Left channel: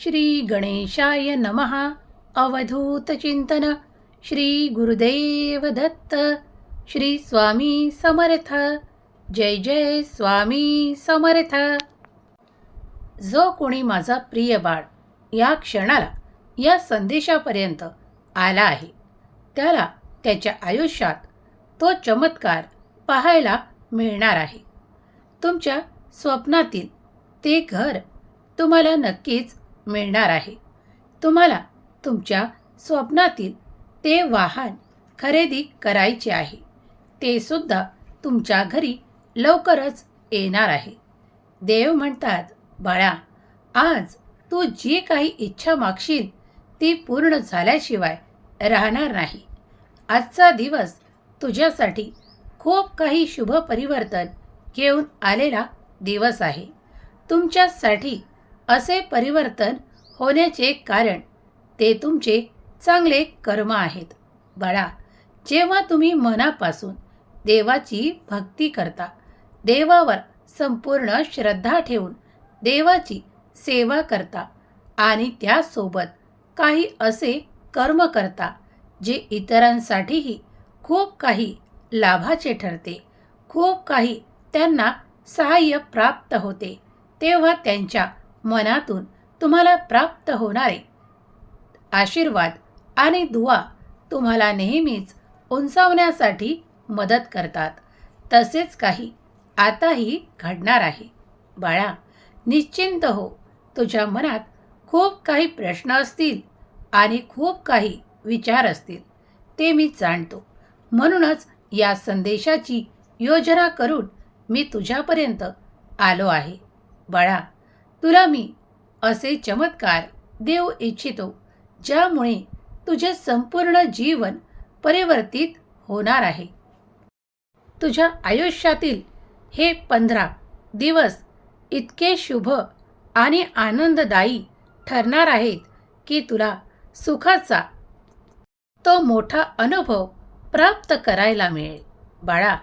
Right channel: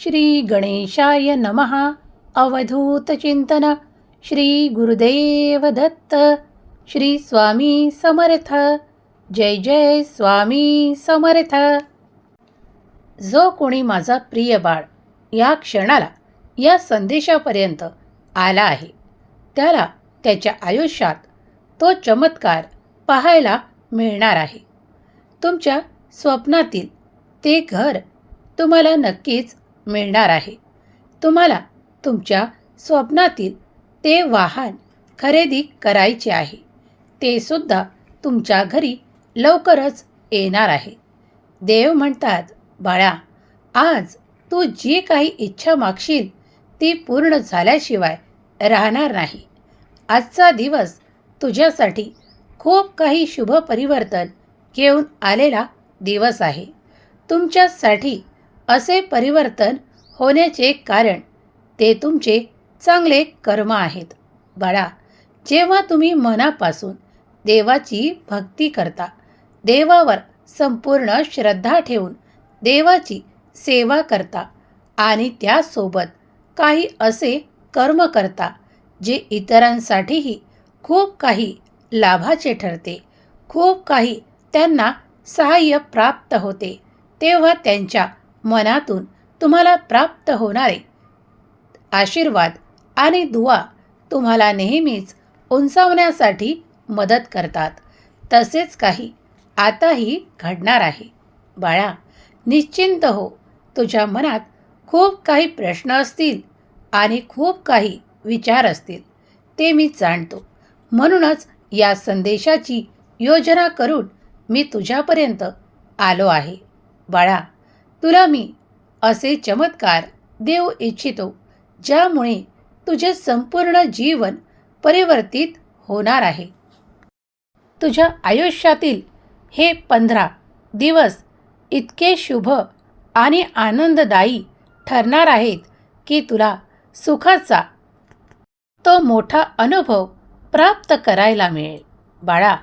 श्री गणेशाय नमः। अवधूतचिंतन श्री गुरुदेव दत्त श्री स्वामी समर्थ। जय जय स्वामी समर्थ। जो कोणी माझा प्रिय बाळ या क्षणाला या संदेशापर्यंत आला आहे त्याला त्याच्या आयुष्यात तो चमत्कार पाहायला मिळणार आहे. तुमच्या स्वप्नातील ते घर तुम्हाला नक्कीच मिळणार आहे. तुम्हाला तुमच्या स्वप्नातील ते वाहन खरेदी करायचे आहे. ते सुद्धा तुमच्या घरी लवकरच येणार आहे. देव म्हणतात बाळा आज तू जी काही इच्छा मागशील ती पूर्ण झाल्याशिवाय राहणार नाही. आजचा दिवस तुझ्यासाठी खूप काही शुभ परिवर्तन घेऊन आलेला दिवस आहे. तुमच्यासाठी असे परिवर्तन होण्याचे कारण ते तुमचे चांगले कर्म आहेत. बाळा जेव्हा तुम्ही मनापासून देवाची भक्ती करता देवावर संपूर्ण श्रद्धा ठेवून देवाची सेवा करता आणि त्यासोबत काही असे कर्म करता जे इतरांसाठीही खूप काही लाभाचे ठरते खूप काही त्यांना सहाय्य प्राप्त होते तेव्हा त्यांच्या मनातून तुम्हाला प्राप्त होणारे. आशीर्वाद आणि दुवा तुम्हाला नेहमीच उंचावण्यासाठी मदत करतात. तसेच काही आताही घडणार आहे. बाळा निश्चिंत हो. तुझ्या मनात खूप काही प्रश्न असतील आणि खूप काही विचार असतील. ते मी जाणतो. म्हणूनच या संदेशाची योजना करून मी तुझ्यापर्यंत आलो आहे. बाळा तुला मी असे चमत्कार देऊ इच्छितो ज्यामुळे तुझे संपूर्ण जीवन परिवर्तित होणार आहे. तुझ्या आयुष्यातील हे पंधरा दिवस इतके शुभ आणि आनंददायी ठरणार आहेत की तुला सुखाचा तो मोठा अनुभव प्राप्त करायला मिळेल. बाळा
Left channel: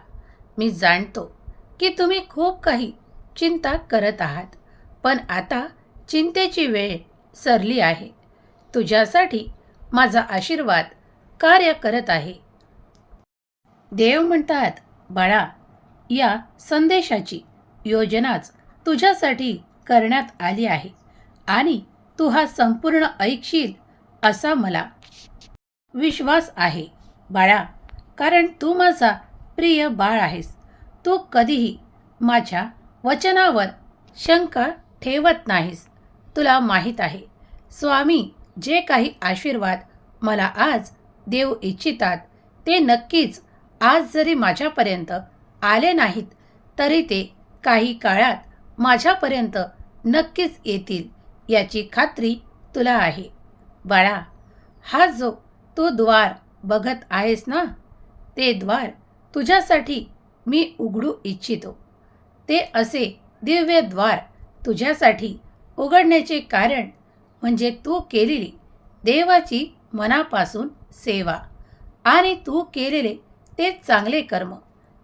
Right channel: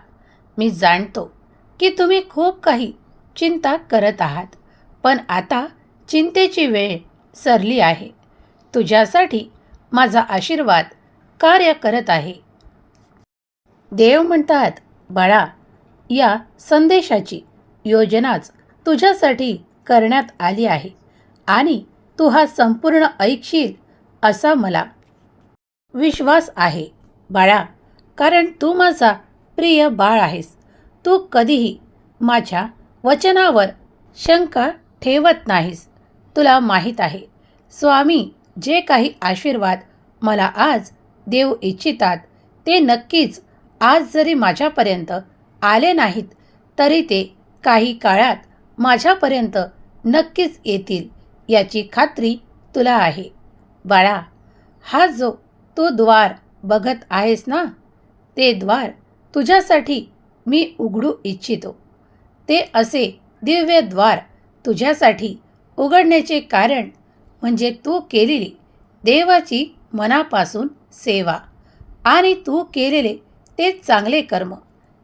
मी जाणतो की तुम्ही खूप काही चिंता करत आहात. पण आता चिंतेची वेळ सरली आहे. तुझ्यासाठी माझा आशीर्वाद कार्य करत आहे. देव म्हणतात बाळा या संदेशाची योजनाच तुझ्यासाठी करण्यात आली आहे आणि तू हा संपूर्ण ऐकशील असा मला विश्वास आहे. बाळा कारण तू माझा प्रिय बाळ आहेस. तू कधीही माझ्या वचनावर शंका ठेवत नाहीस. तुला माहीत आहे. स्वामी जे काही आशीर्वाद मला आज देऊ इच्छितात ते नक्कीच आज जरी माझ्यापर्यंत आले नाहीत तरी ते काही काळात माझ्यापर्यंत नक्कीच येतील याची खात्री तुला आहे. बाळा हा जो तू द्वार बघत आहेस ना ते द्वार तुझ्यासाठी मी उघडू इच्छितो. ते असे दिव्य द्वार तुझ्यासाठी उघडण्याचे कारण म्हणजे तू केलेली देवाची मनापासून सेवा. आणि तू केलेले ते चांगले कर्म.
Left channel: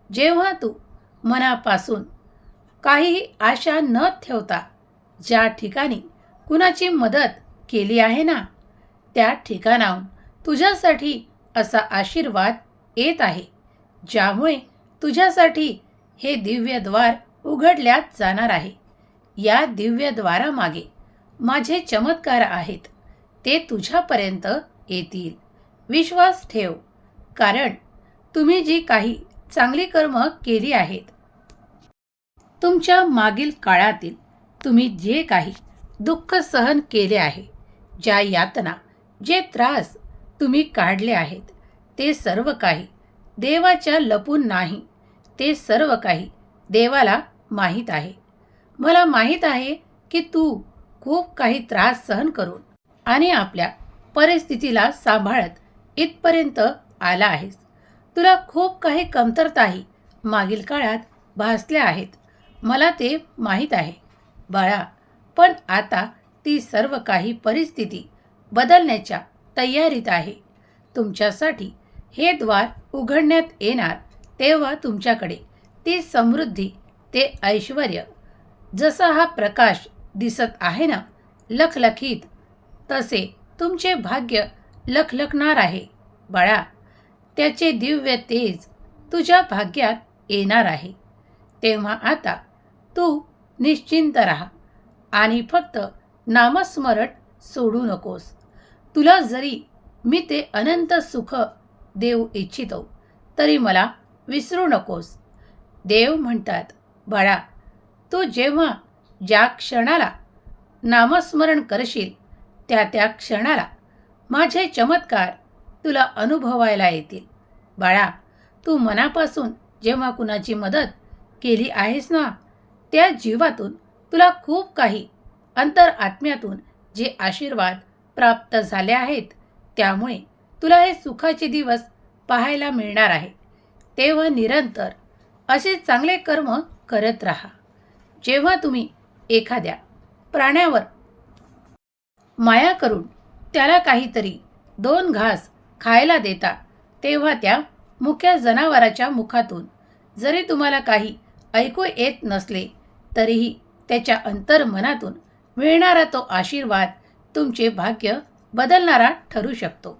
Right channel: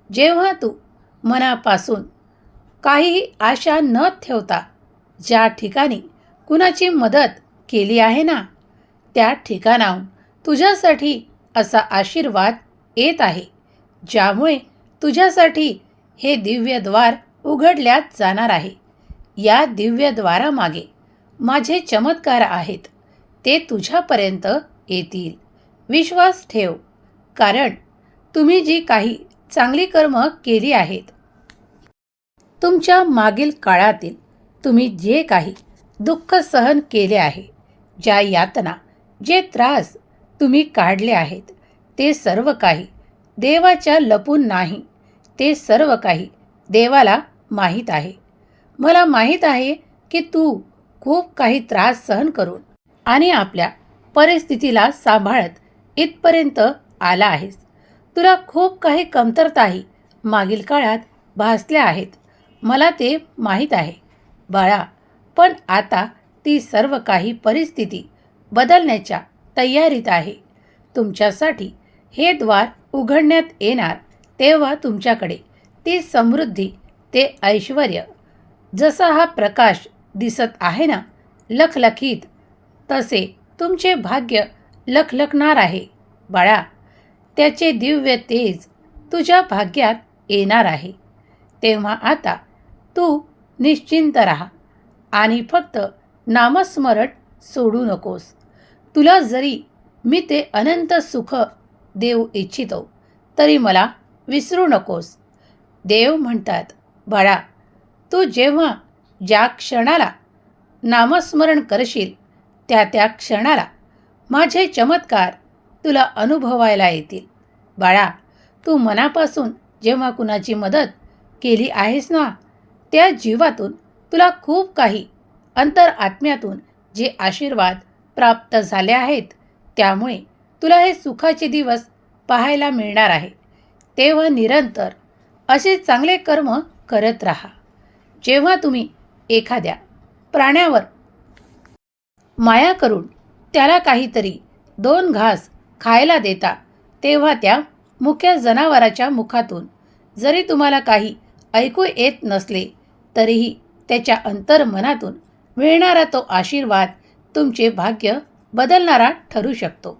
जेव्हा तू मनापासून काहीही आशा न ठेवता ज्या ठिकाणी कुणाची मदत केली आहे ना त्या ठिकाणाहून तुझ्यासाठी असा आशीर्वाद येत आहे ज्यामुळे तुझ्यासाठी हे दिव्यद्वार उघडल्यात जाणार आहे. या दिव्यद्वारामागे. माझे चमत्कार आहेत ते तुझ्यापर्यंत येतील. विश्वास ठेव कारण तुम्ही जी काही चांगली कर्म केली आहेत तुमच्या मागील काळातील तुम्ही जे काही दुःख सहन केले आहे ज्या यातना जे त्रास तुम्ही काढले आहेत ते सर्व काही देवाच्या लपून नाही ते सर्व काही देवाला माहीत आहे. मला माहीत आहे की तू खूप काही त्रास सहन करून आणि आपल्या परिस्थितीला सांभाळत इथपर्यंत आला आहेस. तुला खूप काही कमतरताही मागील काळात भासल्या आहेत. मला ते माहीत आहे. बाळा पण आता ती सर्व काही परिस्थिती बदलण्याच्या तयारीत आहे. तुमच्यासाठी हे द्वार उघडण्यात येणार तेव्हा तुमच्याकडे ती समृद्धी ते ऐश्वर जसा हा प्रकाश दिसत आहे ना लखलखीत तसे तुमचे भाग्य लखलखणार आहे. बाळा त्याचे दिव्य तेज तुझ्या भाग्यात येणार आहे. तेव्हा आता तू निश्चिंत राहा आणि फक्त नामस्मरण सोडू नकोस. तुला जरी मी ते अनंत सुख देऊ इच्छितो तरी मला विसरू नकोस. देव म्हणतात बाळा तू जेव्हा ज्या क्षणाला नामस्मरण करशील त्या त्या क्षणाला माझे चमत्कार तुला अनुभवायला येतील. बाळा तू मनापासून जेव्हा कुणाची मदत केली आहेस ना त्या जीवातून तुला खूप काही अंतर आत्म्यातून जे आशीर्वाद प्राप्त झाले आहेत त्यामुळे तुला हे सुखाचे दिवस पाहायला मिळणार आहे. तेव्हा निरंतर असे चांगले कर्म करत राहा. जेव्हा तुम्ही एखाद्या प्राण्यावर माया करून त्याला काहीतरी दोन घास खायला देता तेव्हा त्या मुख्या जनावराच्या मुखातून जरी तुम्हाला काही ऐकू येत नसले तरीही त्याच्या अंतर्मनातून मिळणारा तो आशीर्वाद तुमचे भाग्य बदलणारा ठरू शकतो.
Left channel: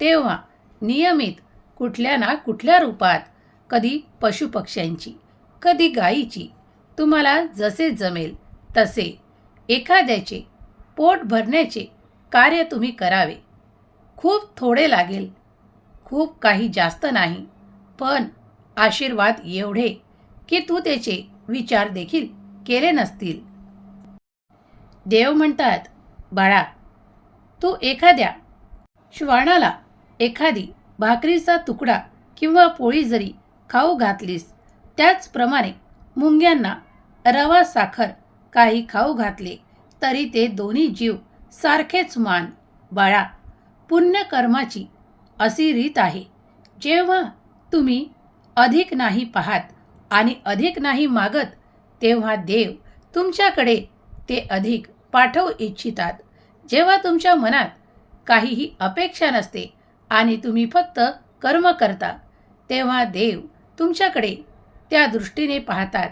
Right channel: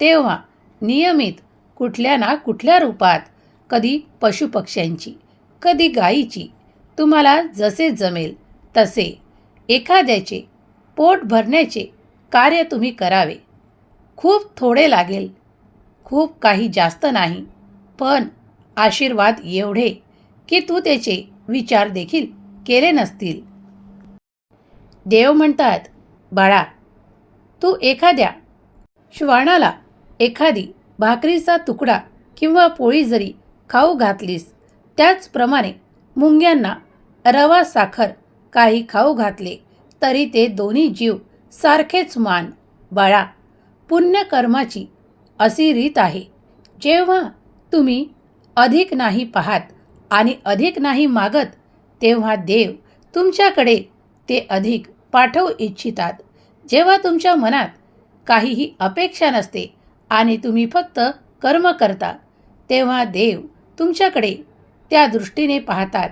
तेव्हा नियमित कुठल्या ना कुठल्या रूपात कधी पशुपक्ष्यांची कधी गायीची तुम्हाला जसे जमेल तसे एखाद्याचे पोट भरण्याचे कार्य तुम्ही करावे. खूप थोडे लागेल खूप काही जास्त नाही पण आशीर्वाद एवढे की तू त्याचे विचार देखील केले नसतील. देव म्हणतात बाळा तू एखाद्या श्वानाला एखादी भाकरीचा तुकडा किंवा पोळी जरी खाऊ घातलीस त्याचप्रमाणे मुंग्यांना रवा साखर काही खाऊ घातले तरी ते दोन्ही जीव सारखेच मान. बाळा पुण्यकर्माची अशी रीत आहे. जेव्हा तुम्ही अधिक नाही पाहात आणि अधिक नाही मागत तेव्हा देव तुमच्याकडे ते अधिक पाठवू इच्छितात. जेव्हा तुमच्या मनात काहीही अपेक्षा नसते आणि तुम्ही फक्त कर्म करता तेव्हा देव तुमच्याकडे त्या दृष्टीने पाहतात.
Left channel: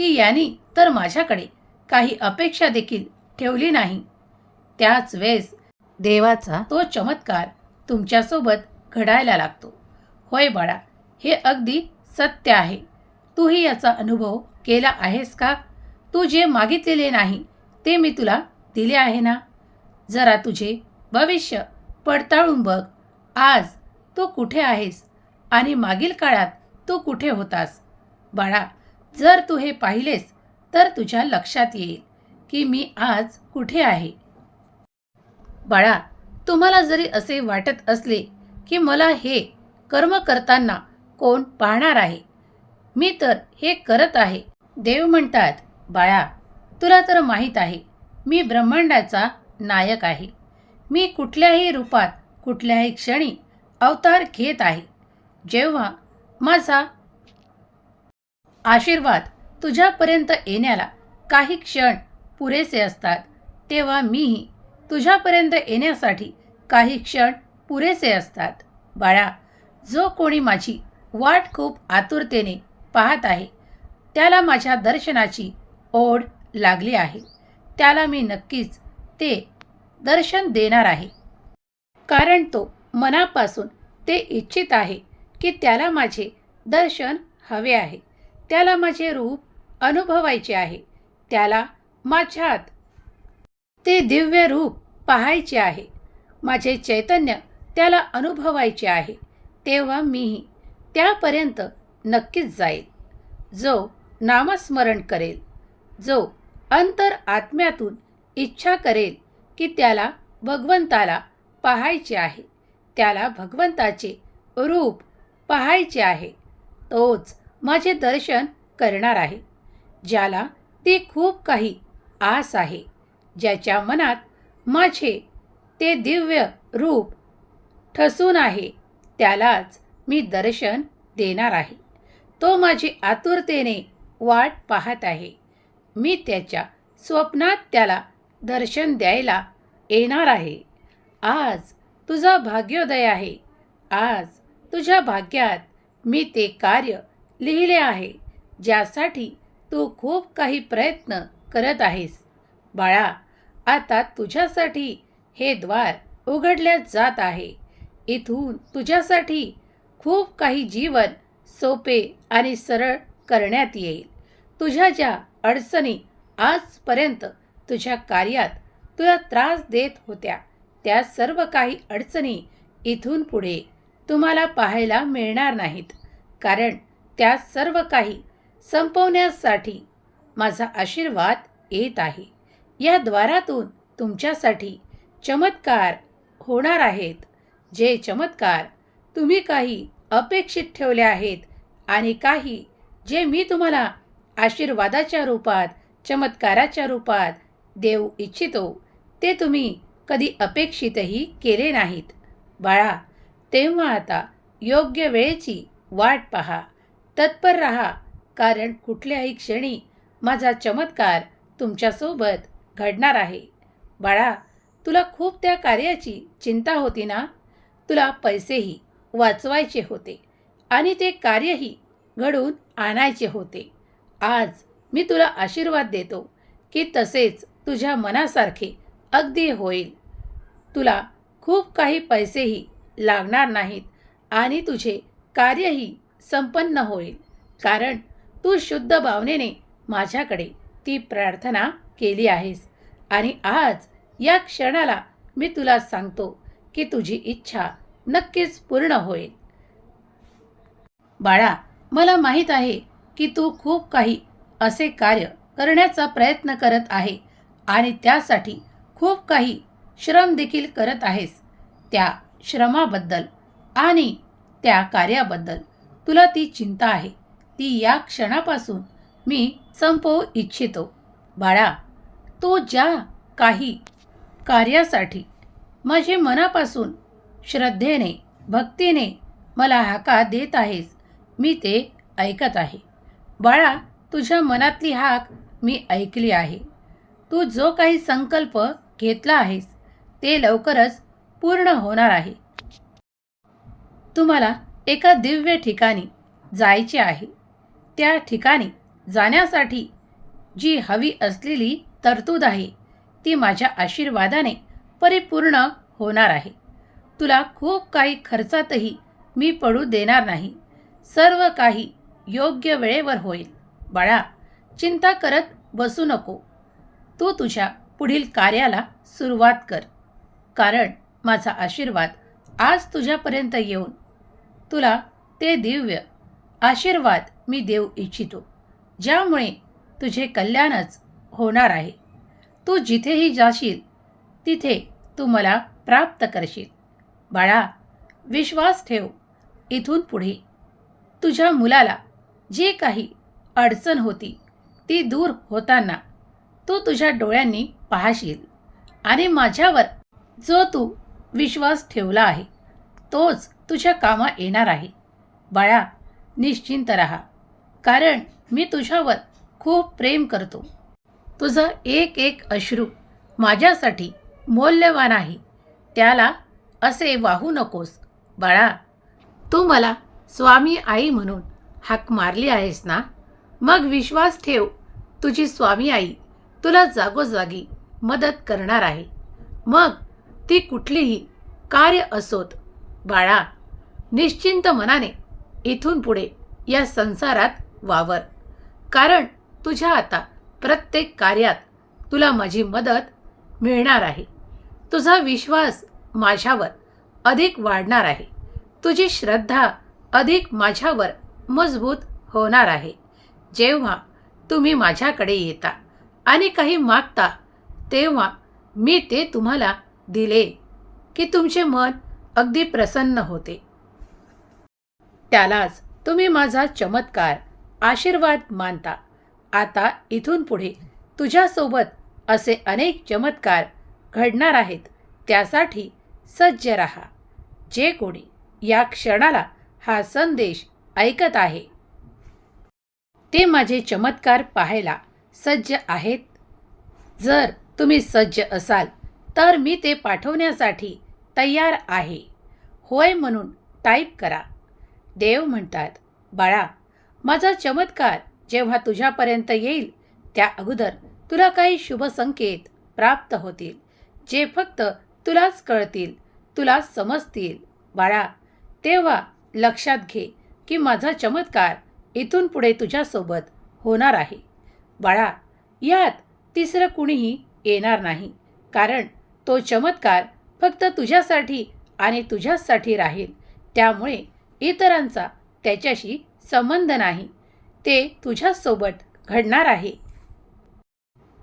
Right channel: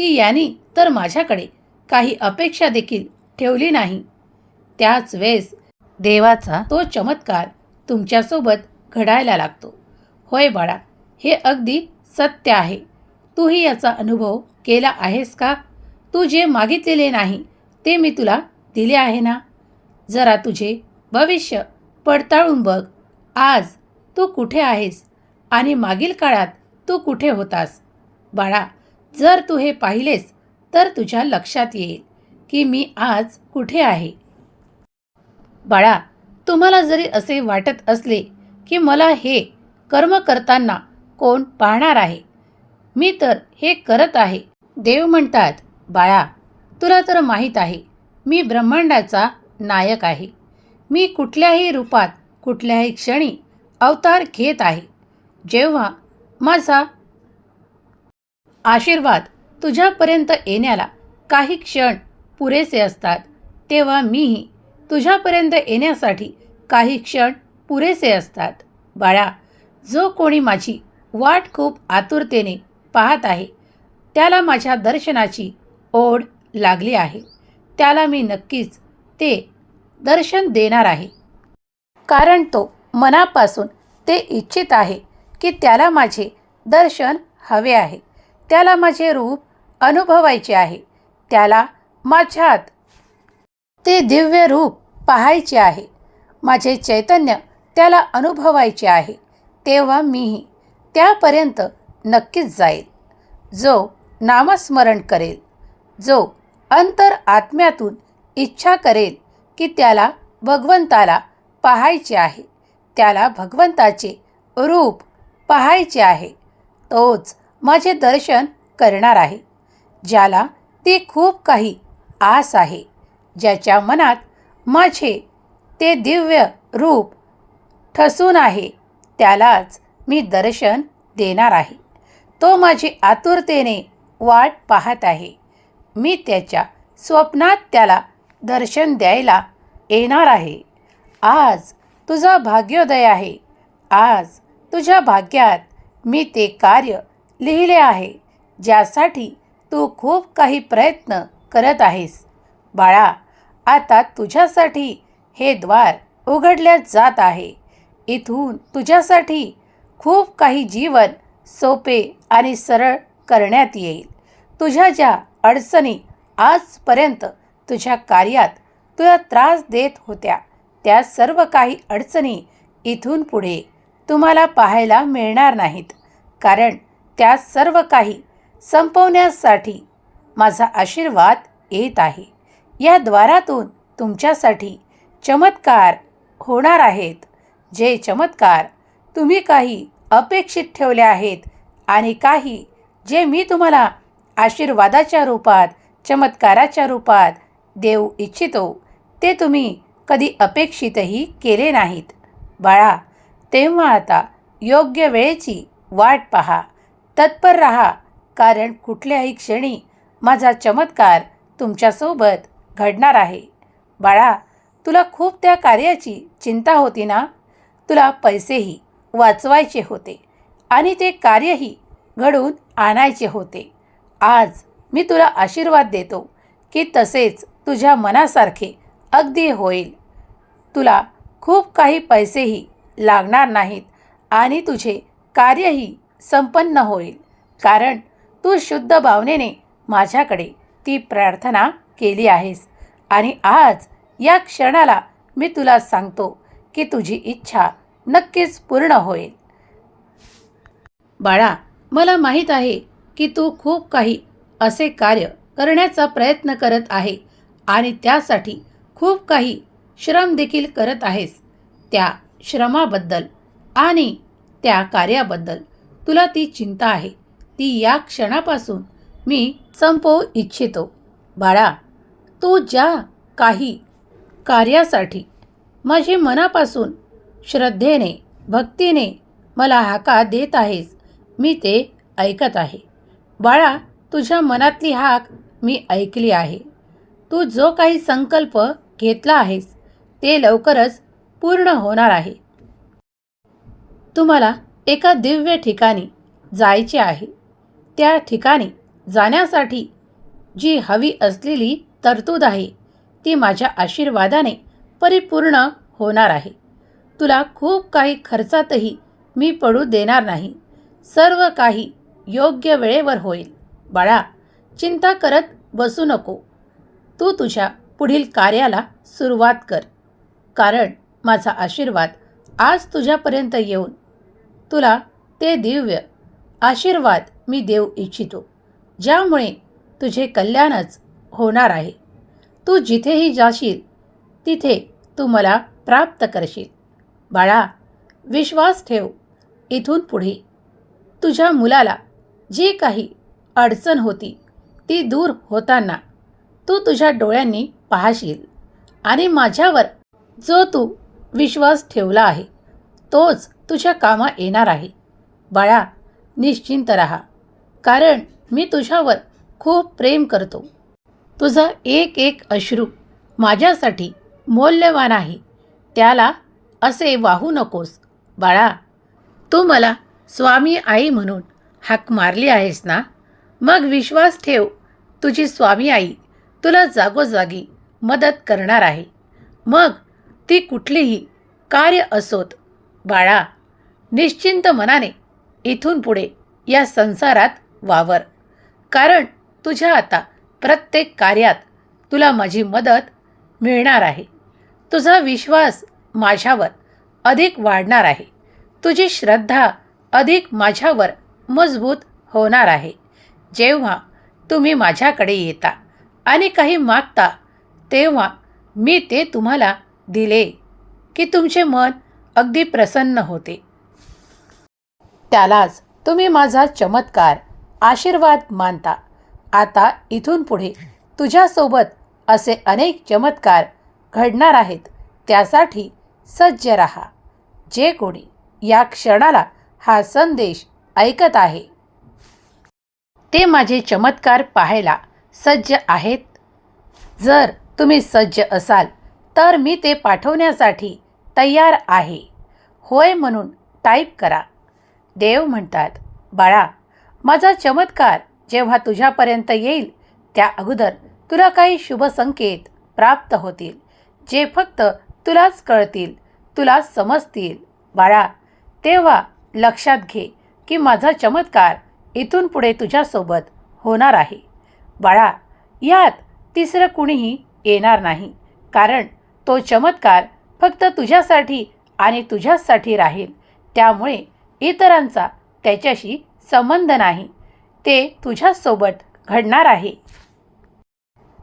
की यांनी तर माझ्याकडे काही अपेक्षा देखील ठेवली नाही. त्याच वेळेस देवाचा तो चमत्कार तुमच्यासोबत घडायला लागतो. होय बाळा हे अगदी सत्य आहे. तूही याचा अनुभव केला आहेस का? तू जे मागितलेले नाही ते मी तुला दिले आहे ना? जरा तुझे भविष्य पडताळून बघ. आज तू कुठे आहेस आणि मागील काळात तू कुठे होतास? बाळा जर तू हे पाहिलेस तर तुझ्या लक्षात येईल की मी आज कुठे आहे. बाळा तुम्हाला जरी असे वाटत असले की मला हे कर्म करताना कोण पाहणार आहे? मी तर हे करत आहे. देव म्हणतात बाळा तुला तर माहीत आहे मी ब्रह्मांडाचा नायक आहे. मी कुठल्याही रूपात कुठल्याही क्षणी अवतार घेत आहे. जेव्हा माझा आशीर्वाद तुझ्यापर्यंत येण्याला काही क्षण पुरेसे असतात. तेव्हा मीही तुझ्यापर्यंत येण्यासाठी काही क्षण पुरेसे असतात. बाळा जो कोणी माझी वाट खूप आतुरतेने पाहत आहे त्याला माझ्या दर्शनाची ओढ लागली आहे. त्याला मी नक्कीच ते दर्शन देणार आहे. कारण तो मनापासून ते इच्छित आहे की त्याला माझे दर्शन हवे आहे. त्याला माझे रूप अनुभवायचे आहे. त्याला माझ्यात ते दिव्य रूप पाहायचे आहे. माझे चैतन्य त्याला अनुभवायचे आहे. तेव्हा मीही त्यापर्यंत नक्कीच जाईल. जो नामस्मरण करेल जो अंतर आत्म्यातून इच्छा करेल की त्याला भगवंताला पाहायचे आहे त्याला भगवंताचे रूप पाहायचे आहे तोच माझे दर्शन करणार आहे ज्याला ते खूप काही आस आहे ज्याच्या मनात माझे ते दिव्य रूप ठसून आहे त्यालाच मी दर्शन देणार आहे. तो माझी आतुरतेने वाट पाहत आहे. मी त्याच्या स्वप्नात त्याला दर्शन द्यायला येणार आहे. आज तुझा भाग्योदय आहे. आज तुझ्या भाग्यात मी ते कार्य लिहिले आहे ज्यासाठी तू खूप काही प्रयत्न करत आहेस. बाळा आता तुझ्यासाठी हे द्वार उघडल्या जात आहे. इथून तुझ्यासाठी खूप काही जीवन सोपे आणि सरळ करण्यात येईल. तुझ्या ज्या अडचणी आजपर्यंत तुझ्या कार्यात तुला त्रास देत होत्या त्या सर्व काही अडचणी इथून पुढे तुम्हाला पाहायला मिळणार नाहीत. कारण त्या सर्व काही संपवण्यासाठी माझा आशीर्वाद येत आहे. या द्वारातून तुमच्यासाठी चमत्कार होणार आहेत जे चमत्कार तुम्ही काही अपेक्षित ठेवले आहेत आणि काही जे मी तुम्हाला आशीर्वादाच्या रूपात चमत्काराच्या रूपात देऊ इच्छितो ते तुम्ही कधी अपेक्षितही केले नाहीत. बाळा तेव्हा आता योग्य वेळेची वाट पहा. तत्पर राहा कारण कुठल्याही क्षणी माझा चमत्कार तुमच्यासोबत घडणार आहे. बाळा तुला खूप त्या कार्याची चिंता होती ना? तुला पैसेही वाचवायचे होते आणि ते कार्यही घडून आणायचे होते. आज मी तुला आशीर्वाद देतो की तसेच तुझ्या मनासारखे अगदी होईल. तुला खूप काही पैसेही लागणार नाहीत आणि तुझे कार्यही संपन्न होईल. कारण तू शुद्ध भावनेने माझ्याकडे ती प्रार्थना केली आहेस. आणि आज या क्षणाला मी तुला सांगतो की तुझी इच्छा नक्कीच पूर्ण होईल. बाळा मला माहीत आहे की तू खूप काही असे कार्य करण्याचा प्रयत्न करत आहे आणि त्यासाठी खूप काही श्रम देखील करत आहेस. त्या श्रमाबद्दल आणि त्या कार्याबद्दल तुला ती चिंता आहे. ती या क्षणापासून मी संपवू इच्छितो. बाळा तू ज्या काही कार्यासाठी माझे मनापासून श्रद्धेने भक्तीने मला हाका देत आहेस मी ते ऐकत आहे. बाळा तुझ्या मनातली हाक मी ऐकली आहे. तू जो काही संकल्प घेतला आहेस ते लवकरच पूर्ण होणार आहे. तुम्हाला एका दिव्य ठिकाणी जायचे आहे. त्या ठिकाणी जाण्यासाठी जी हवी असलेली तरतूद आहे ती माझ्या आशीर्वादाने परिपूर्ण होणार आहे. तुला खूप काही खर्चातही मी पडू देणार नाही. सर्व काही योग्य वेळेवर होईल. बाळा चिंता करत बसू नको. तू तुझ्या पुढील कार्याला सुरुवात कर. कारण माझा आशीर्वाद आज तुझ्यापर्यंत येऊन तुला ते दिव्य आशीर्वाद मी देऊ इच्छितो ज्यामुळे तुझे कल्याणच होणार आहे. तू जिथेही जाशील तिथे तू मला प्राप्त करशील. बाळा विश्वास ठेव इथून पुढे. तुझ्या मुलाला जी काही अडचण होती ती दूर होताना तू तुझ्या डोळ्यांनी पाहशील आणि माझ्यावर जो तू विश्वास ठेवला आहे तोच तुझ्या कामा येणार आहे. बाळा निश्चिंत राहा. कारण मी तुझ्यावर खूप प्रेम करतो. तुझं एक एक अश्रू माझ्यासाठी मौल्यवान आहे. त्याला असे वाहू नकोस. बाळा तू मला स्वामी आई म्हणून हाक मारली आहेस ना? मग विश्वास ठेव तुझी स्वामी आई तुला जागोजागी मदत करणार आहे. मग ती कुठलीही कार्य असोत बाळा निश्चिंत मनाने इथून पुढे या संसारात वावर. कारण तुझ्या आता प्रत्येक कार्यात तुला माझी मदत मिळणार आहे. तुझा विश्वास माझ्यावर अधिक वाढणार आहे. तुझी श्रद्धा अधिक माझ्यावर मजबूत होणार आहे. जेव्हा तुम्ही माझ्याकडे येता आणि काही मागता तेव्हा मी ते तुम्हाला दिले की तुमचे मन अगदी प्रसन्न होते. त्यालाच तुम्ही माझा चमत्कार आशीर्वाद मानता. आता इथून पुढे तुझ्यासोबत असे अनेक चमत्कार घडणार आहेत त्यासाठी सज्ज रहा. जे कोणी या क्षणाला हा संदेश ऐकत आहे ते माझे चमत्कार पाहायला सज्ज आहेत. जर तुम्ही सज्ज असाल तर मी ते पाठवण्यासाठी तयार आहे. होय म्हणून टाईप करा. देव म्हणतात बाळा माझा चमत्कार जेव्हा तुझ्यापर्यंत येईल त्या अगोदर तुला काही शुभ संकेत प्राप्त होतील जे फक्त तुलाच कळतील तुला समजतील. बाळा तेव्हा लक्षात घे की माझा चमत्कार इथून पुढे तुझ्यासोबत होणार आहे. बाळा यात तिसरं कुणीही येणार नाही कारण तो चमत्कार फक्त तुझ्यासाठी आणि तुझ्याचसाठी राहील. त्यामुळे इतरांचा त्याच्याशी संबंध नाही. ते तुझ्यासोबत घडणार आहे.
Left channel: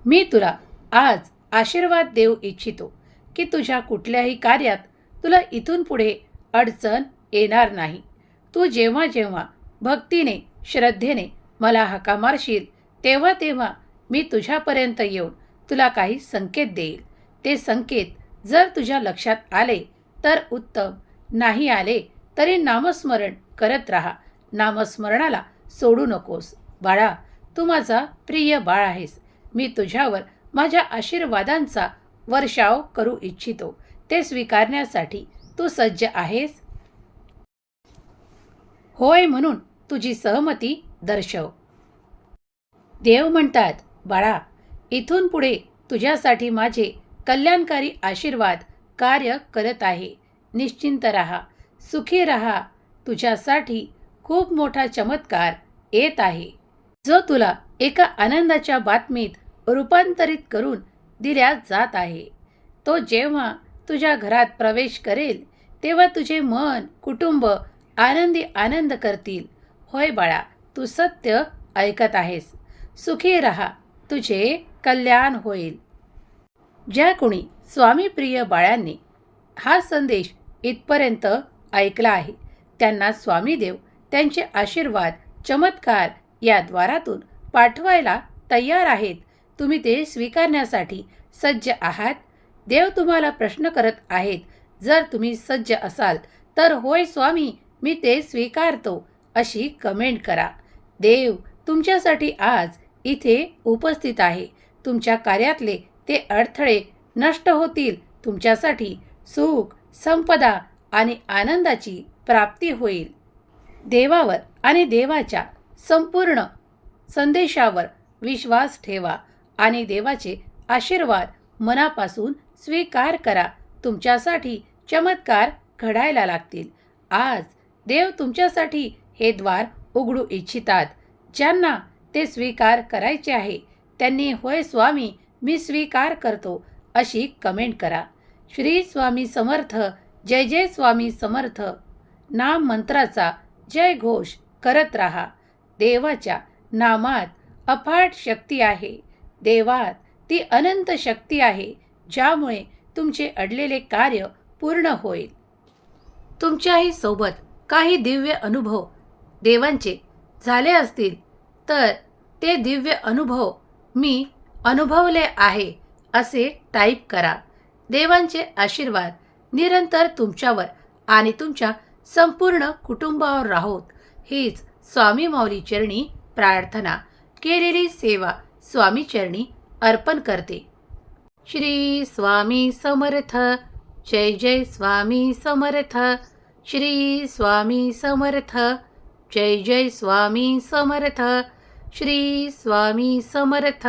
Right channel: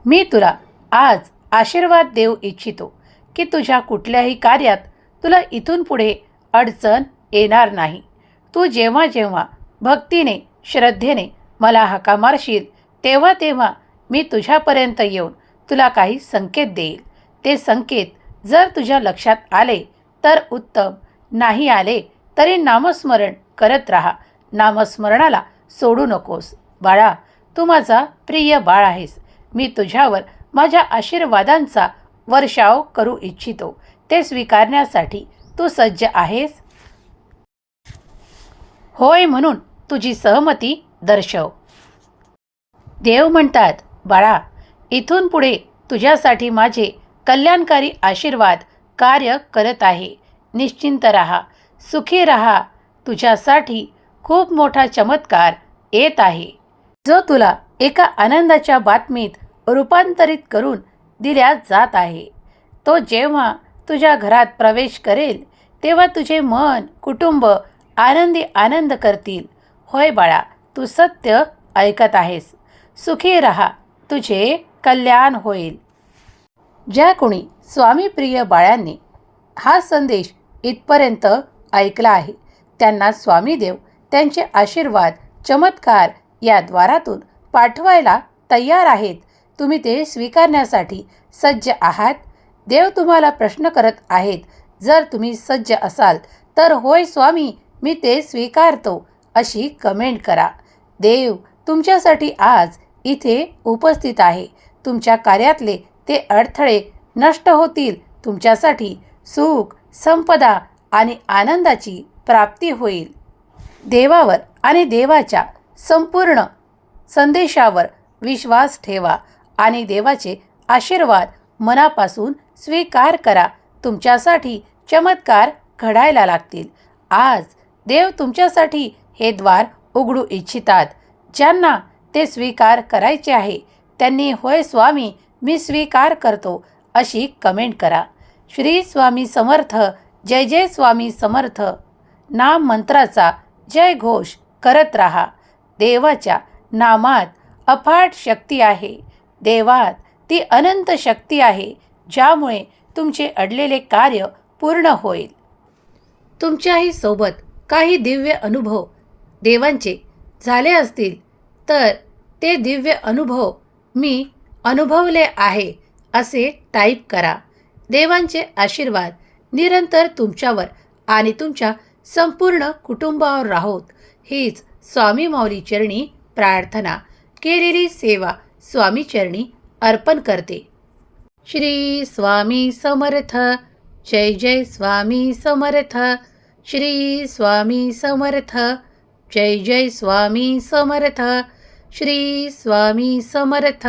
मी तुला आज आशीर्वाद देऊ इच्छितो की तुझ्या कुठल्याही कार्यात तुला इथून पुढे अडचण येणार नाही. तू जेव्हा जेव्हा भक्तीने श्रद्धेने मला हाका मारशील तेव्हा तेव्हा मी तुझ्यापर्यंत येऊन तुला काही संकेत देईल. ते संकेत जर तुझ्या लक्षात आले तर उत्तम. नाही आले तरी नामस्मरण करत राहा. नामस्मरणाला सोडू नकोस. बाळा तू माझा प्रिय बाळ आहेस. मी तुझ्यावर माझ्या आशीर्वादांचा वर्षाव करू इच्छितो. ते स्वीकारण्यासाठी तू सज्ज आहेस? होय म्हणून तुझी सहमती दर्शव. देव म्हणतात बाळा इथून पुढे तुझ्यासाठी माझे कल्याणकारी आशीर्वाद कार्य करत आहे. निश्चिंत रहा. सुखी रहा. तुझ्यासाठी खूप मोठा चमत्कार येत आहे. जो तुला एका आनंदाच्या बातमीत रूपांतरित करून दिल्या जात आहे. तो जेव्हा तुझ्या घरात प्रवेश करेल तेव्हा तुझे मन कुटुंब आनंदी आनंद करतील. होय बाळा तू सत्य ऐकत आहेस. सुखी रहा. तुझे कल्याण होईल. ज्या कोणी स्वामीप्रिय बाळांनी हा संदेश इथपर्यंत ऐकला आहे त्यांना स्वामीदेव त्यांचे आशीर्वाद चमत्कार या द्वारातून पाठवायला तयार आहेत. तुम्ही ते स्वीकारण्यासाठी सज्ज आहात. देव तुम्हाला प्रश्न करत आहेत. जर तुम्ही सज्ज असाल तर होय स्वामी मी ते स्वीकारतो अशी कमेंट करा. देव तुमच्यासाठी आज इथे उपस्थित आहे. तुमच्या कार्यातले ते अडथळे नष्ट होतील. तुमच्यासाठी सुख संपदा आणि आनंदाची प्राप्ती होईल. देवावर आणि देवाच्या संपूर्ण संदेशावर विश्वास ठेवा आणि देवाचे आशीर्वाद मनापासून स्वीकार करा. तुमच्यासाठी चमत्कार घडायला लागतील. आज देव तुमच्यासाठी हे द्वार उघडू इच्छितात. ज्यांना ते स्वीकार करायचे आहे त्यांनी होय स्वामी मी स्वीकार करतो अशी कमेंट करा. श्री स्वामी समर्थ जय जय स्वामी समर्थ. नाम मंत्राचा जय घोष करत राहा. देवाच्या नामात अफाट शक्ती आहे. देवात ती अनंत शक्ती आहे ज्यामुळे तुमचे अडलेले कार्य पूर्ण होईल. तुमच्याही सोबत काही दिव्य अनुभव देवांचे झाले असतील तर ते दिव्य अनुभव मी अनुभवले आहे असे टाईप करा. देवांचे आशीर्वाद निरंतर तुमच्यावर आणि तुमच्या संपूर्ण कुटुंबावर राहोत. हीच स्वामी माऊली चरणी प्रार्थना. केलेली सेवा स्वामी चरणी अर्पण करते. श्री स्वामी समर्थ. जय जय स्वामी समर्थ. श्री स्वामी समर्थ. जय जय स्वामी समर्थ. श्री स्वामी समर्थ.